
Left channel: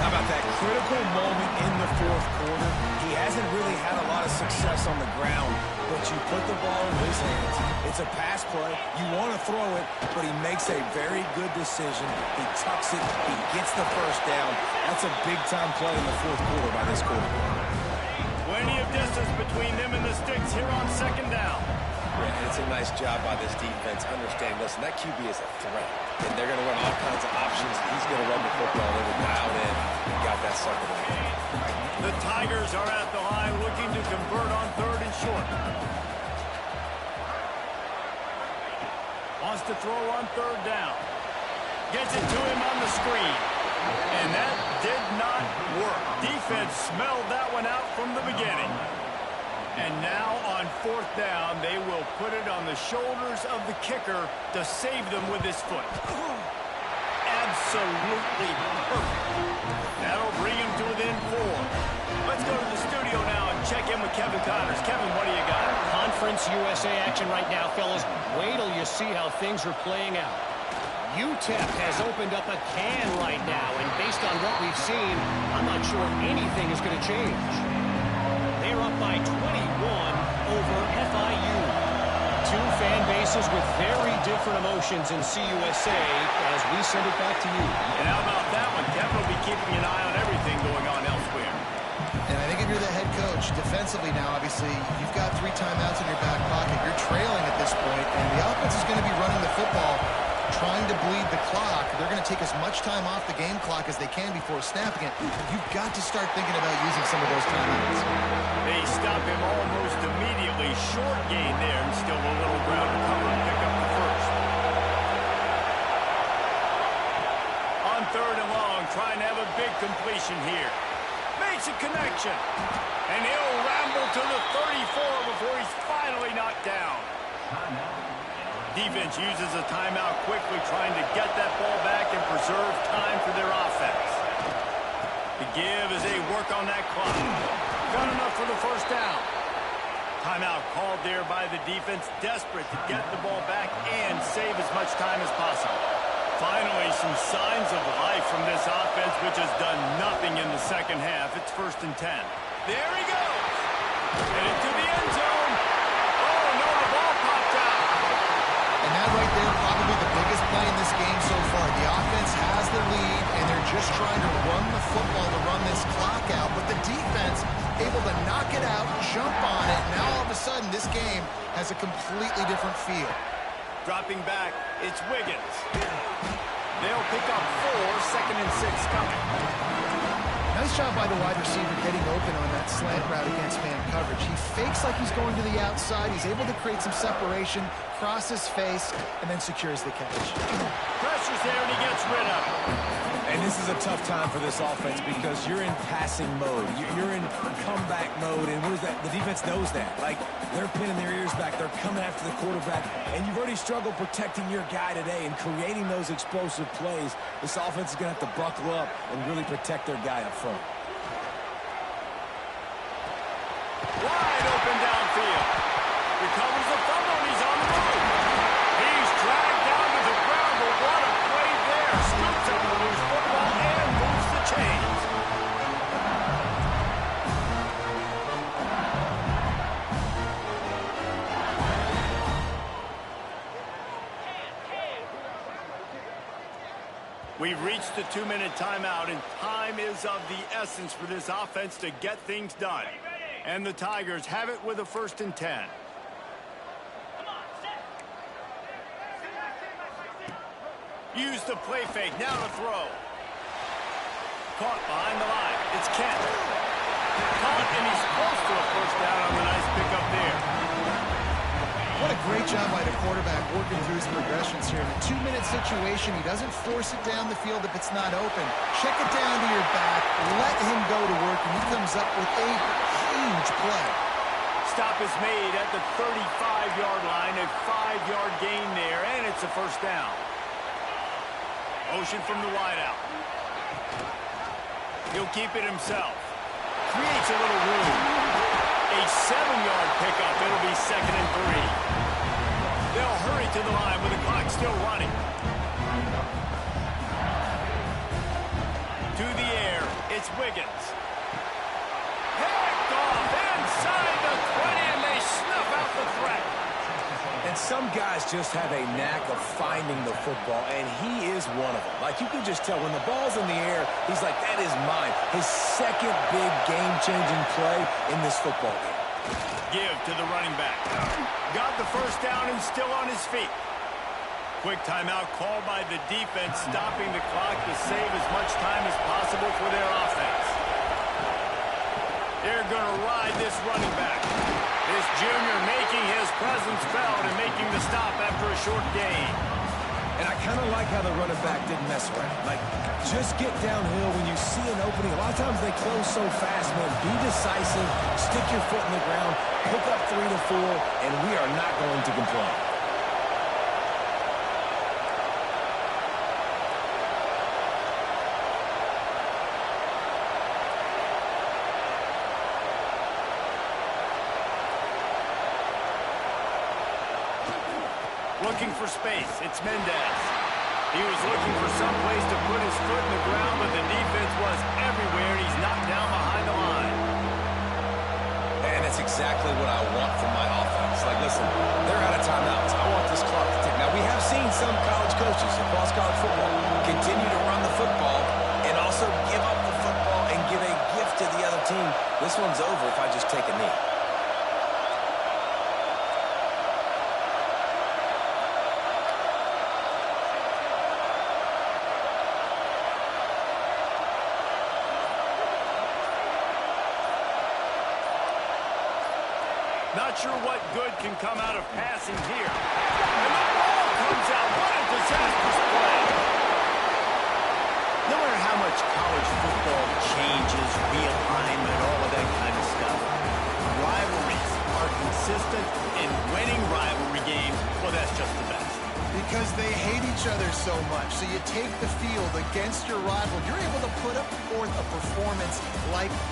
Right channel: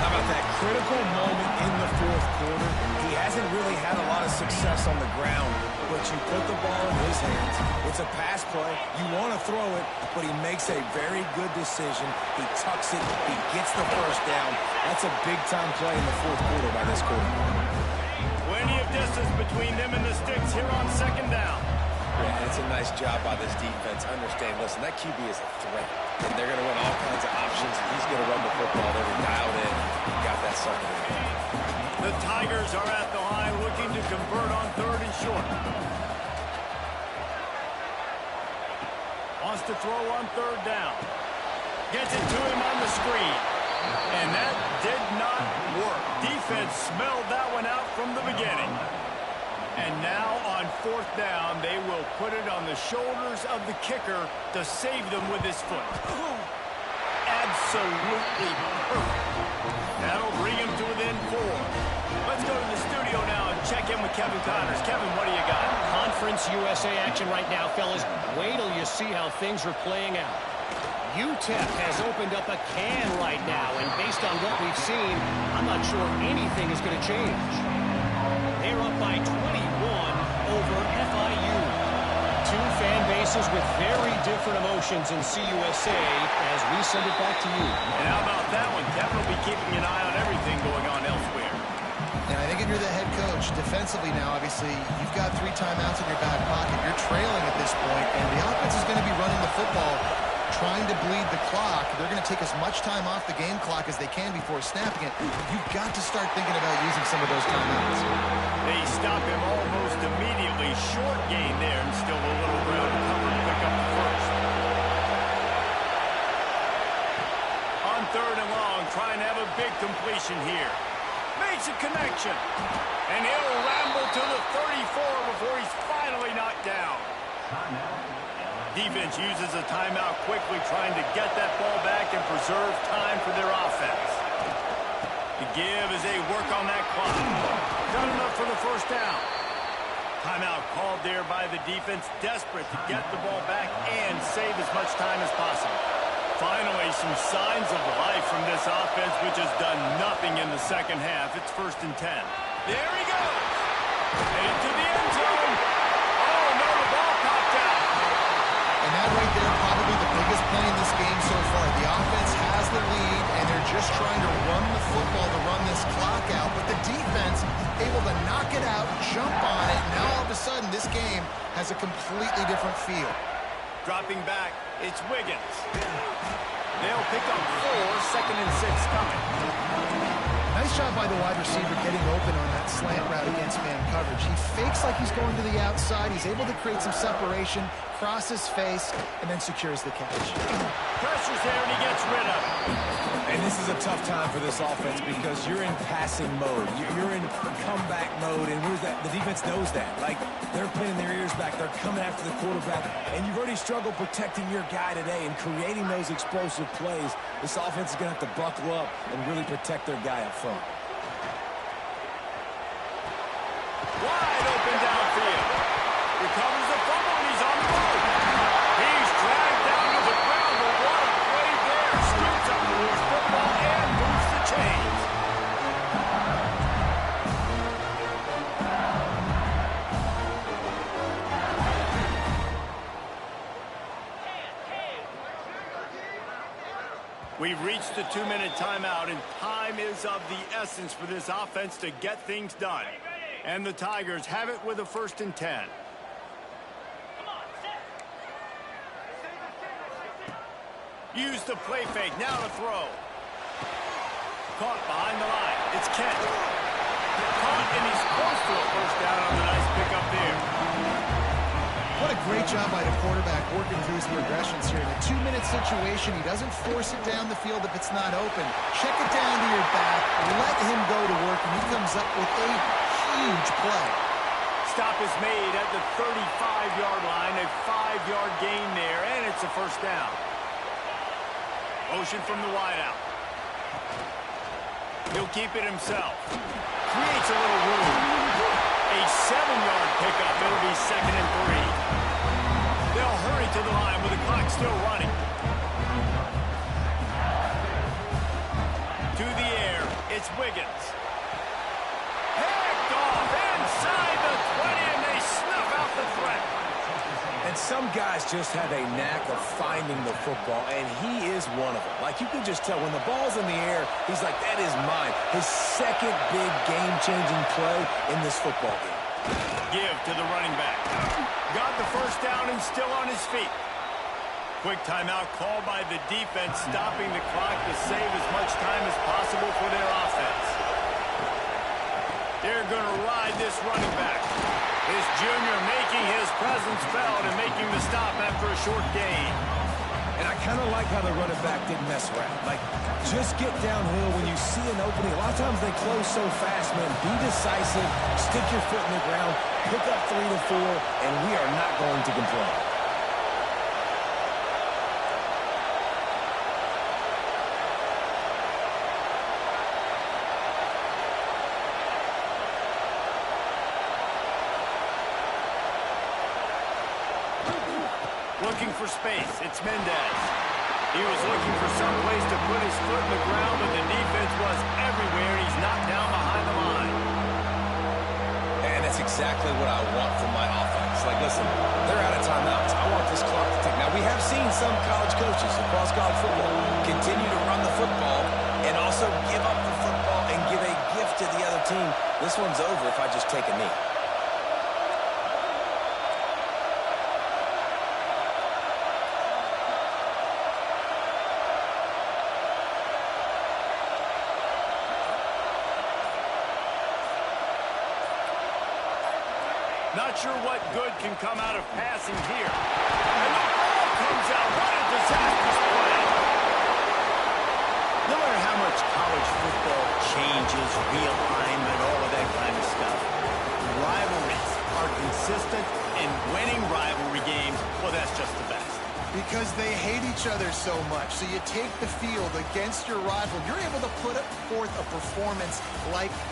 How about that critical moment in the fourth quarter? He hasn't really had a lot of success on the ground, but you put the ball in his hands. It's a pass play. You want to throw it, but he makes a very good decision. He tucks it. He gets the first down. That's a big-time play in the fourth quarter by this quarterback. Plenty of distance between them and the sticks here on second down. Yeah, and it's a nice job by this defense. Understand, listen, that QB is a threat. And they're going to run all kinds of options. He's going to run the football. They were dialed in. He got that sucker in the game. The Tigers are at the line looking to convert on third and short. Wants to throw on third down. Gets it to him on the screen. And that did not work. Defense smelled that one out from the beginning. And now on fourth down, they will put it on the shoulders of the kicker to save them with his foot. Absolutely perfect. That'll bring him to within 4. Let's go to the studio now and check in with Kevin Connors. Kevin, what do you got? Conference USA action right now, fellas. Wait till you see how things are playing out. UTEP has opened up a can right now, and based on what we've seen, I'm not sure anything is going to change. They're up by 21 over FIU. Two fan bases with very different emotions in CUSA as we send it back to you. And how about that one? Kevin will be keeping an eye on everything going on elsewhere. And I think if you're the head coach, defensively now, obviously, you've got 3 timeouts in your back pocket. You're trailing at this point, and the offense is going to be running the football, trying to bleed the clock. They're going to take as much time off the game clock as they can before snapping it. You've got to start thinking about using some of those timeouts. They stop him almost immediately. Short gain there, and still a little ground to cover to pick up the first. On third and long, trying to have a big completion here. Makes a connection. And he'll ramble to the 34 before he's finally knocked down. Defense uses a timeout quickly, trying to get that ball back and preserve time for their offense. The give as they work on that clock. Got enough for the first down. Timeout called there by the defense, desperate to get the ball back and save as much time as possible. Finally, some signs of life from this offense, which has done nothing in the second half. It's 1st and 10. There he goes. Headed to the end zone. Oh, no, the ball popped out. And that right there, probably the biggest play in this game so far. The offense has the lead, and they're just trying to run the football to run this clock out. But the defense able to knock it out, jump on it. Now all of a sudden, this game has a completely different feel. Dropping back, it's Wiggins. They'll pick up 4, 2nd and 6 coming. Nice Nice job by the wide receiver getting open on that slant route against man coverage. He fakes like he's going to the outside. He's able to create some separation, cross his face, and then secures the catch. Pressure's there, and he gets rid of it. And this is a tough time for this offense because you're in passing mode. You're in comeback mode, and what is that? The defense knows that. Like, they're pinning their ears back. They're coming after the quarterback, and you've already struggled protecting your guy today and creating those explosive plays. This offense is going to have to buckle up and really protect their guy up front. Wide open downfield. Recovers the fumble, and he's on the move. He's dragged down to the ground, but what a play there. Scoops up the loose football and moves the chains. We've reached the 2-minute timeout, and time is of the essence for this offense to get things done. And the Tigers have it with a 1st and 10. Use the play fake, now to throw. Caught behind the line. It's Kent. Caught, and he's close to a 1st down on the nice pickup there. What a great job by the quarterback working through his progressions here. In a 2-minute situation, he doesn't force it down the field if it's not open. Check it down to your back, let him go to work, and he comes up with a huge play. Stop is made at the 35-yard line, a 5-yard gain there, and it's a 1st down. Motion from the wideout. He'll keep it himself. Creates a little room. A 7-yard pickup. It'll be 2nd and 3. They'll hurry to the line with the clock still running. To the air. It's Wiggins. Picked off inside the 20, and they snuff out the threat. And some guys just have a knack of finding the football, and he is one of them. Like, you can just tell when the ball's in the air, he's like, that is mine. His 2nd big game-changing play in this football game. Give to the running back. Got the 1st down and still on his feet. Quick timeout called by the defense, stopping the clock to save as much time as possible for their offense. They're going to ride this running back. This junior making his presence felt and making the stop after a short gain. And I kind of like how the running back didn't mess around. Like, just get downhill when you see an opening. A lot of times they close so fast, man. Be decisive, stick your foot in the ground, pick up 3 to 4, and we are not going to complain. Looking for space. It's Mendez. He was looking for some place to put his foot in the ground, but the defense was everywhere, and he's knocked down behind the line. And that's exactly what I want from my offense. Like, listen, they're out of timeouts. I want this clock to tick. Now, we have seen some college coaches across college football continue to run the football and also give up the football and give a gift to the other team. This one's over if I just take a knee. Not sure what good can come out of passing here. And the ball comes out. What a disastrous play. No matter how much college football changes, realignment, all of that kind of stuff, rivalries are consistent, and winning rivalry games, well, that's just the best. Because they hate each other so much. So you take the field against your rival. You're able to put forth a performance like that.